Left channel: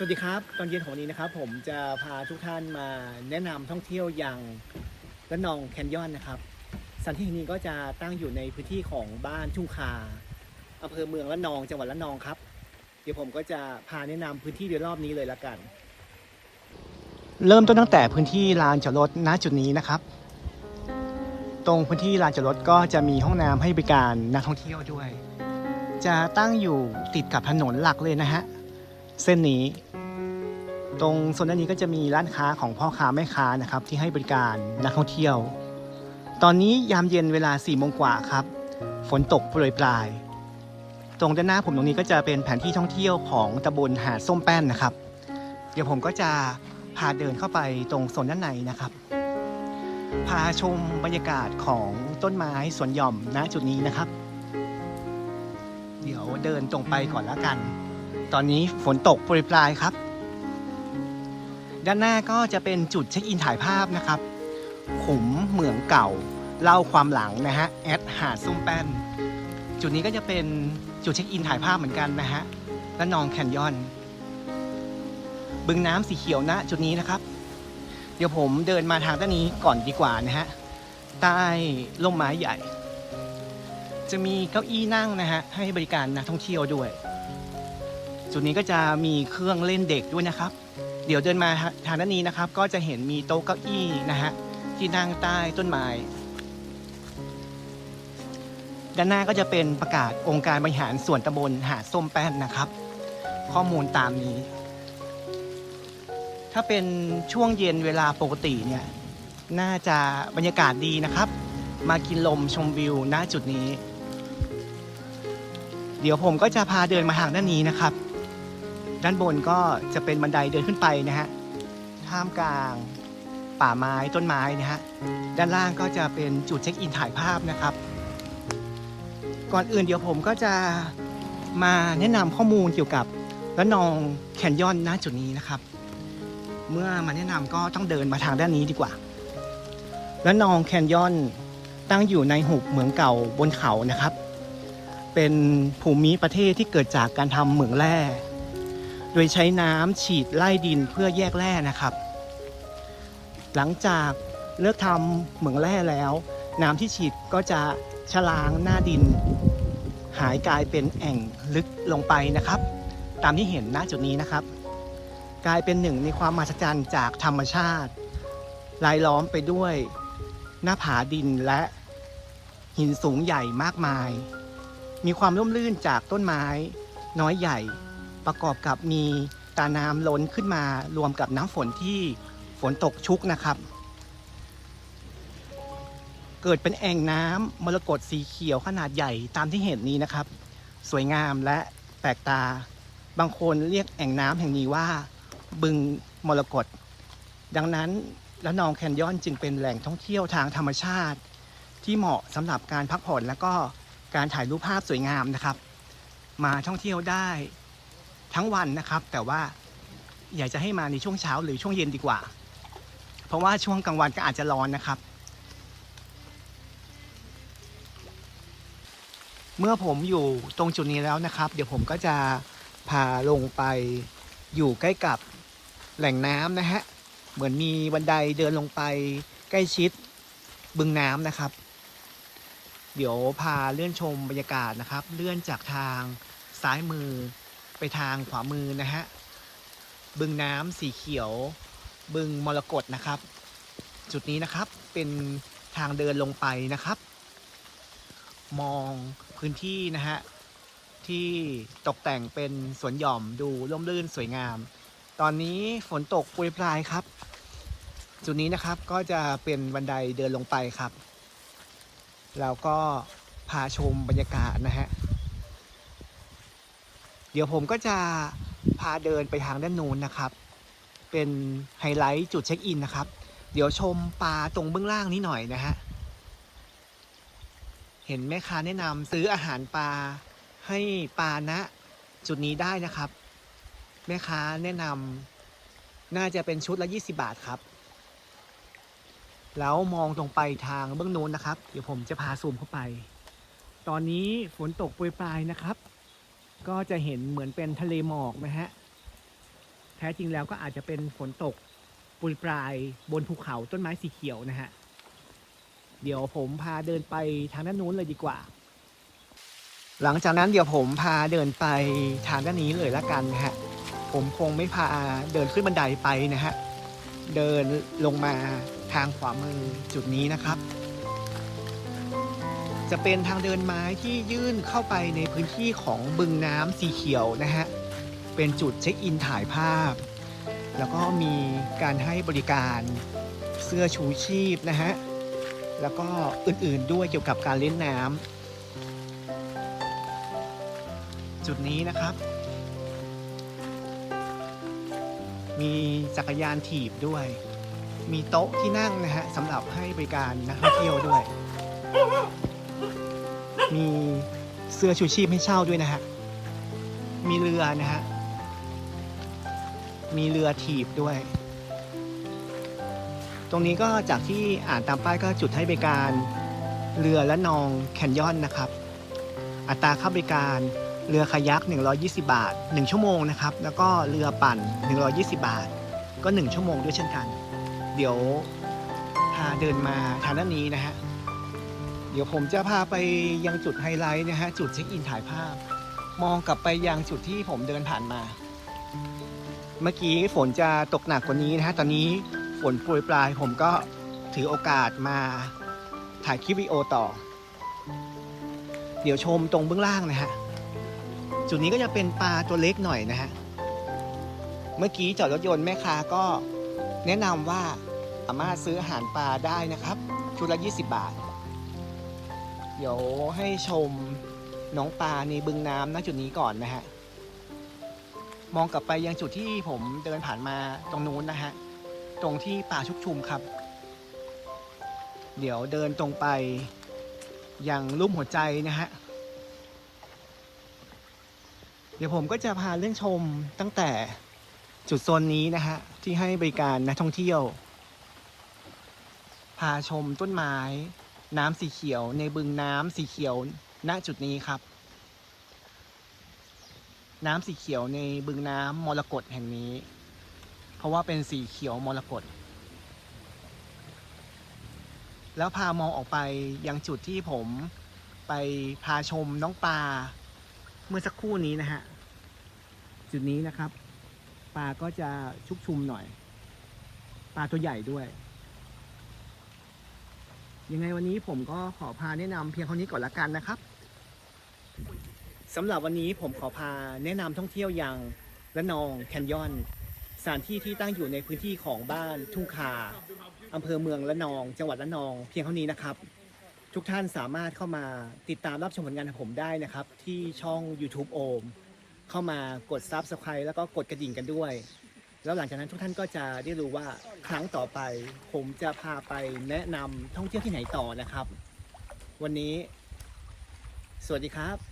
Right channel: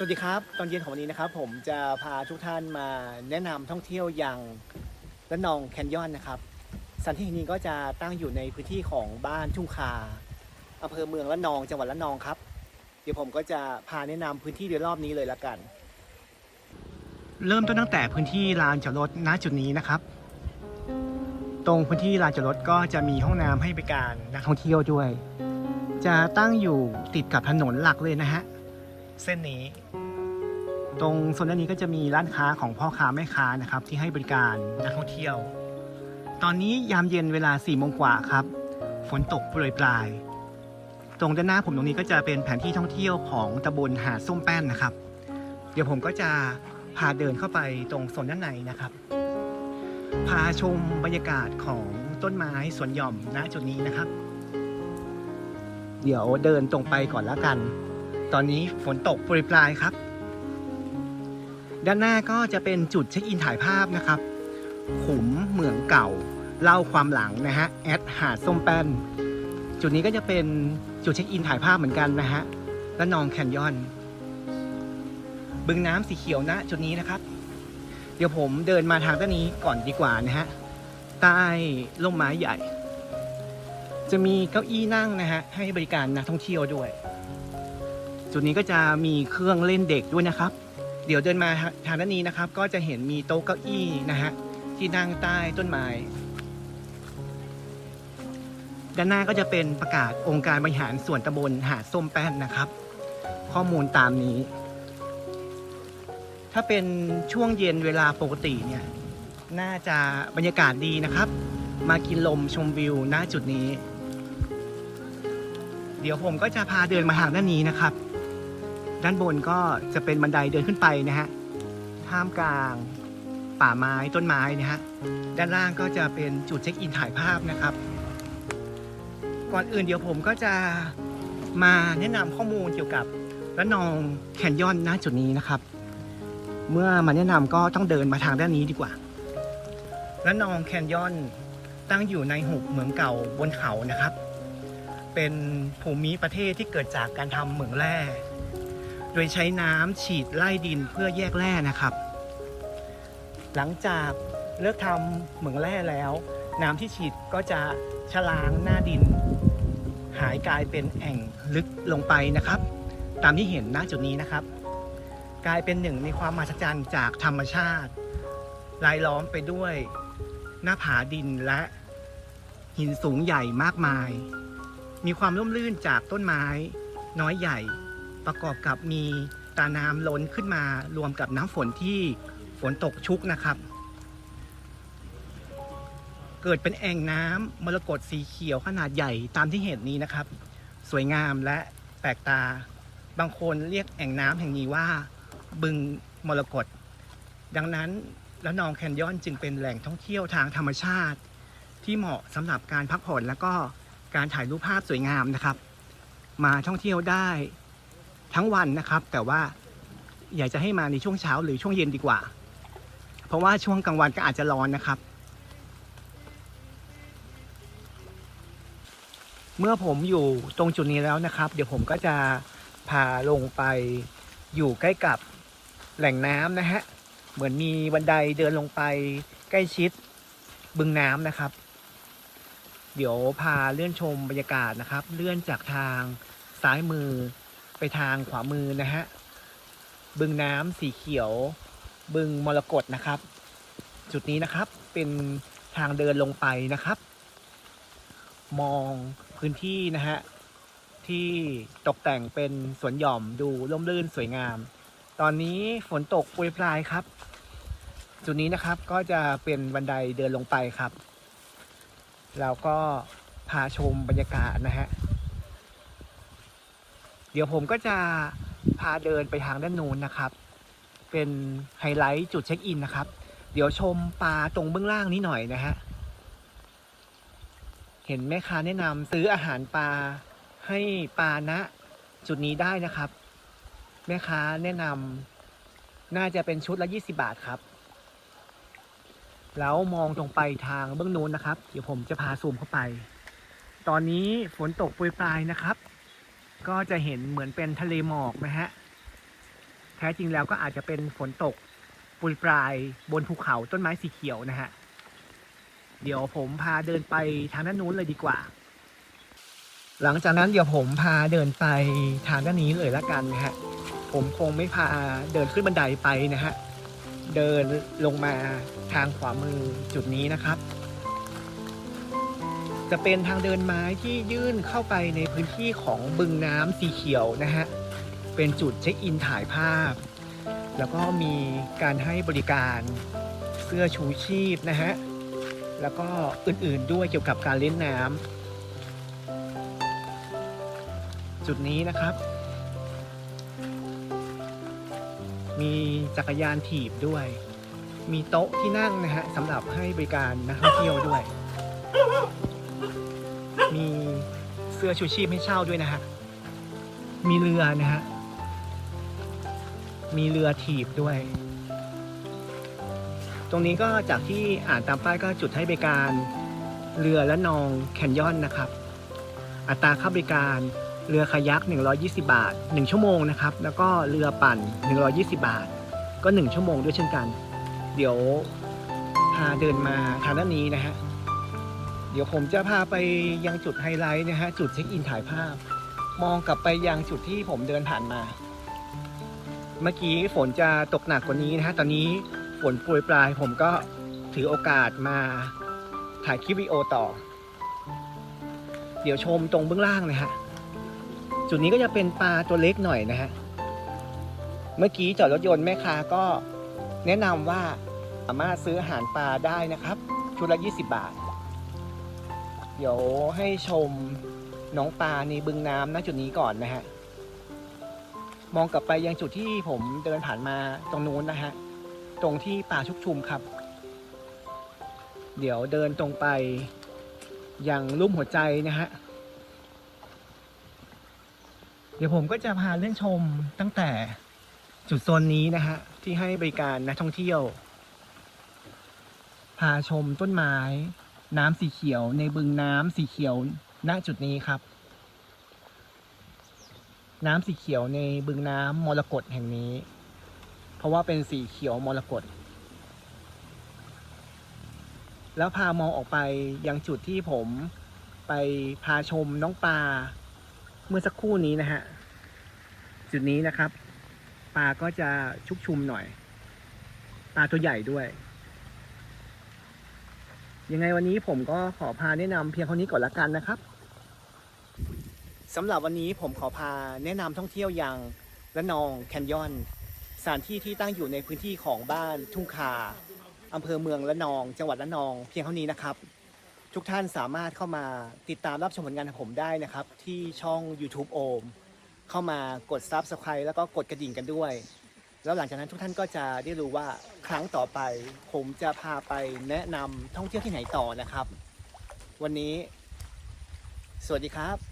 สวัสดีครับ ตอนเย็นของวันนี้นะครับ ผมจะพาทุกท่านมาแนะนำท่องเที่ยวอย่างละนองแคนยอนนะครับสถานที่แห่งนี้ก็จะตั้งอยู่ในพื้นที่ของบ้านทุ่งคาอำเภอเมืองละนองจังหวัดละนองครับ เดี๋ยวผมก็จะพาแนะนำพื้นที่โดยรอบนี้เลยละกัน เริ่มต้นตั้งแต่พื้นที่ลานจอดรถณจุดนี้นะครับ ตรงพื้นที่ลานจอดรถก็จะมีห้องน้ำให้บริการนักท่องเที่ยวด้วย จะตั้งอยู่ติดกับถนนหลักเลยนะฮะเส้นนี้ ตรงโซนด้านนี้ก็จะมีร้านค้าของพ่อค้าแม่ค้านะครับที่ให้บริการนักท่องเที่ยว ตอนนี้ยามเย็นเวลา4ี่โมงกว่าครับ ฝนตกโปรยปลาย ตรงด้านหน้าผมตรงนี้ก็จะเป็นแผนที่ท่องเที่ยวของตำบลหาดส้มแป้นนะครับ เดี๋ยวผมก็จะพาเดินเข้าไปตรงโซนด้านในนะครับ พาชมบรรยากาศของต้นไม้สวนหย่อมณจุดนี้นะครับ เดี๋ยวเดินตรงไปก่อนแล้วกัน ตอนนี้ฝนตกโปรยปลายครับ ด้านหน้าก็จะเป็นจุดเช็คอินถ่ายภาพนะครับ ขุมเหมืองเก่า เล่าความหลังนะฮะแอดหาดส้มแป้น จุดนี้ก็จะเป็นจุดเช็คอินถ่ายภาพเหมือนกันนะฮะและนองแคนยอน บึงน้ำสีเขียวณจุดนี้นะครับ เดี๋ยวผมเดินมาทางด้านนี้ก่อนดีกว่านะฮะใต้ร่มไม้ใหญ่ จะมีเก้าอี้นั่งนะฮะให้บริการนักท่องเที่ยวด้วย จุดนี้ก็จะมีเครื่องเล่นเด็กด้วยนะครับ เดี๋ยวเดินมาทางด้านนี้นะครับ ก็จะเห็นมีโต๊ะเก้าอี้นะฮะที่นั่งใต้ต้นไม้ด้านหน้าก็จะเป็นประกาศองค์การบริหารส่วนตำบลหาดส้มแป้นนะครับ ข้อมูลตามนี้ ถ้าเป็นช่วงเย็นเวลาปกติเนี่ย น่าจะบรรยากาศดีนะครับ มากินลมชมวิวณจุดนี้ เดี๋ยวผมก็จะพาเดินมาทางด้านนี้นะครับ ด้านบนก็จะเป็นบันไดเดินขึ้นไปนะฮะท่ามกลางป่าไม้ต้นไม้นะฮะด้านล่างก็จะเป็นจุดเช็คอินถ่ายภาพนะครับ ก่อนอื่นเดี๋ยวผมก็จะมาแนะนำข้อมูลเกี่ยวกับละนองแคนยอนณจุดนี้นะครับ เมื่อมาแนะนำก็ต้องเดินมาทางด้านนี้ดีกว่าละนองแคนยอนตั้งอยู่ในหุบเหมืองเก่าบนเขานะครับ เป็นภูมิประเทศที่เกิดจากการทำเหมืองแร่ โดยใช้น้ำฉีดไล่ดินเพื่อแยกแร่นะครับ หลังจากเลิกทำเหมืองแร่แล้ว น้ำที่ฉีดก็จะชะล้างหน้าดิน หายกลายเป็นแอ่งลึกลงไปนะครับ ตามที่เห็นหน้าจุดนี้นะครับ กลายเป็นหนึ่งในความมหัศจรรย์จากธรรมชาติรายล้อมไปด้วยหน้าผาดินและหินสูงใหญ่มากมาย มีความร่มรื่นจากต้นไม้น้อยใหญ่ ประกอบกับมีตาน้ำล้นขึ้นมารวมกับน้ำฝนที่ฝนตกชุกนะครับ เกิดเป็นแอ่งน้ำมรกตสีเขียวขนาดใหญ่ตามที่เห็นนี้นะครับ สวยงามและแปลกตาบางคนเรียกแอ่งน้ำแห่งนี้ว่า บึงมรกตดังนั้นแล้วนองแคนยอนจึงเป็นแหล่งท่องเที่ยวทางธรรมชาติ ที่เหมาะสำหรับการพักผ่อนและก็การถ่ายรูปภาพสวยงามนะครับ มาท่องเที่ยวได้ ทั้งวันนะครับ แต่ว่าอยากจะให้มาในช่วงเช้าหรือช่วงเย็นดีกว่า เพราะว่าช่วงกลางวันก็อาจจะร้อนนะครับ เมื่อผมอยู่ตรงจุดนี้แล้วนะครับ เดี๋ยวผมก็จะพาลงไปอยู่ใกล้กับแหล่งน้ำนะฮะ เหมือนมีบันไดเดินลงไปใกล้ชิดบึงน้ำนะครับ เดี๋ยวพาเลื่อนชมบรรยากาศนะครับ เลื่อนจากทางซ้ายมือ ไปทางขวามือนะฮะ บึงน้ำสีเขียว บึงมรกตนะครับ จุดนี้นะครับเป็นทางเดินลงไปนะครับ มองพื้นที่นะฮะ ที่ตกแต่งเป็นสวนหย่อมดูร่มรื่นสวยงาม ตอนนี้ฝนตกปรยปลายครับ จุดนี้นะครับก็จะเป็นบันไดเดินลงไปครับ แล้วก็พาชมบรรยากาศนะฮะ ดี๋ยวผมก็จะพาเดินไปทางด้านนู้นนะครับ เป็นไฮไลท์จุดเช็คอินนะครับ เดี๋ยวชมปลาตรงเบื้องล่างนี้หน่อยนะฮะ เห็นแม่ค้าแนะนำซื้ออาหารปลาให้ปลาณจุดนี้ได้นะครับ แม่ค้าแนะนำน่าจะเป็นชุดละ 20 บาทครับ แล้วมองตรงไปทางเบื้องโน้นนะครับ เดี๋ยวผมจะพาซูมเข้าไป ตอนนี้ฝนตกปรยปลายนะครับ ก็จะเห็นเหมือนเป็นทะเลหมอกนะฮะ แท้จริงแล้วก็อาจจะเป็นฝนตกปรยปลายบนภูเขาต้นไม้สีเขียวนะฮะ เดี๋ยวผมพาเดินไปทางด้านนู้นเลยดีกว่า หลังจากนั้นเดี๋ยวผมพาเดินไปทางด้านนี้เลยละกันนะฮะ ผมคงไม่พาเดินขึ้นบันไดไปนะฮะ เดินลงมาทางขวามือจุดนี้นะครับ จะเป็นทางเดินไม้ที่ยื่นเข้าไปในพื้นที่ของบึงน้ำสีเขียวนะฮะ เป็นจุดเช็คอินถ่ายภาพ แล้วก็มีการให้บริการเสื้อชูชีพนะฮะ แล้วก็อื่นๆด้วยเกี่ยวกับการเล่นน้ำจุดนี้นะครับ มีจักรยานถีบด้วย มีโต๊ะที่นั่งนะฮะสำหรับให้บริการนักท่องเที่ยวด้วย มีเสื้อชูชีพให้เช่าด้วยนะฮะ มีเรือนะฮะ มีเรือถีบด้วย ตรงนี้ก็จากที่อ่านตามป้ายก็จุดให้บริการเรือและนองแคนยอนนะครับ อัตราค่าบริการเรือคายัก 120 บาท 1 ชั่วโมงนะครับ แล้วก็เรือปั่น 120 บาท ก็ 1 ชั่วโมงด้วยเช่นกัน เดี๋ยวพาเดินมาทางด้านนี้นะฮะ เดี๋ยวผมจะพาไปยังจุดไฮไลท์นะฮะ จุดเช็คอินถ่ายภาพ มองกลับไปยังจุดที่ผมเดินผ่านมา เมื่อกี้ฝนจะตกหนักกว่านี้นะฮะ ตอนนี้ฝนโปรยปลายผมก็ถือโอกาสมาถ่ายคลิปวิดีโอต่อ เดี๋ยวชมตรงเบื้องล่างนะฮะ จุดนี้ก็จะเป็นปลาตัวเล็กหน่อยนะฮะ เมื่อกี้จอดรถยนต์แม่ค้าก็แนะนำว่าสามารถซื้ออาหารปลาได้นะครับ ชุดละ 20 บาท เดี๋ยวให้ชมน้องปลาในบึงน้ำณจุดนี้ก่อนนะฮะ มองกลับไปยังจุดที่ผมเดินผ่านมาตรงนู้นนะฮะ ตรงที่ป่าชุกชุมครับ เดี๋ยวเดินตรงไปยังลุ่มหัวใจนะฮะ เดี๋ยวผมก็จะพาเลื่อนชมตั้งแต่จุดโซนนี้นะฮะ ที่ให้บริการนักท่องเที่ยว พาชมต้นไม้ น้ำสีเขียว ในบึงน้ำสีเขียวณจุดนี้ครับ น้ำสีเขียวในบึงน้ำมรกตแห่งนี้ เพราะว่าเป็นสีเขียวมรกตแล้วพามองออกไปยังจุดที่ผมไปพาชมน้องปลาเมื่อสักครู่นี้นะฮะ จุดนี้นะครับ ปลาก็จะชุกชุมหน่อย ปลาตัวใหญ่ด้วย ยังไงวันนี้ผมก็ขอพาแนะนำเพียงเท่านี้ก่อนละกันนะครับสำหรับวันนี้ผมขอพาแนะนำท่องเที่ยวอย่างละนองแคนยอนสถานที่ที่ตั้งอยู่ในพื้นที่ของบ้านทุ่งคาอำเภอเมืองละนอง จังหวัดละนองเพียงเท่านี้นะครับ ทุกท่านสามารถเข้ามาติดตามรับชมผลงานของผมได้นะครับ ที่ช่อง YouTube โอมเข้ามากด Subscribe แล้วก็กดกระดิ่งกันด้วย แล้วหลังจากนั้นทุกท่านก็จะได้รู้ว่าครั้งต่อไป ผมจะพาไปแนะนำท่องเที่ยวที่ไหนต่อนะครับ วันนี้ สวัสดีครับ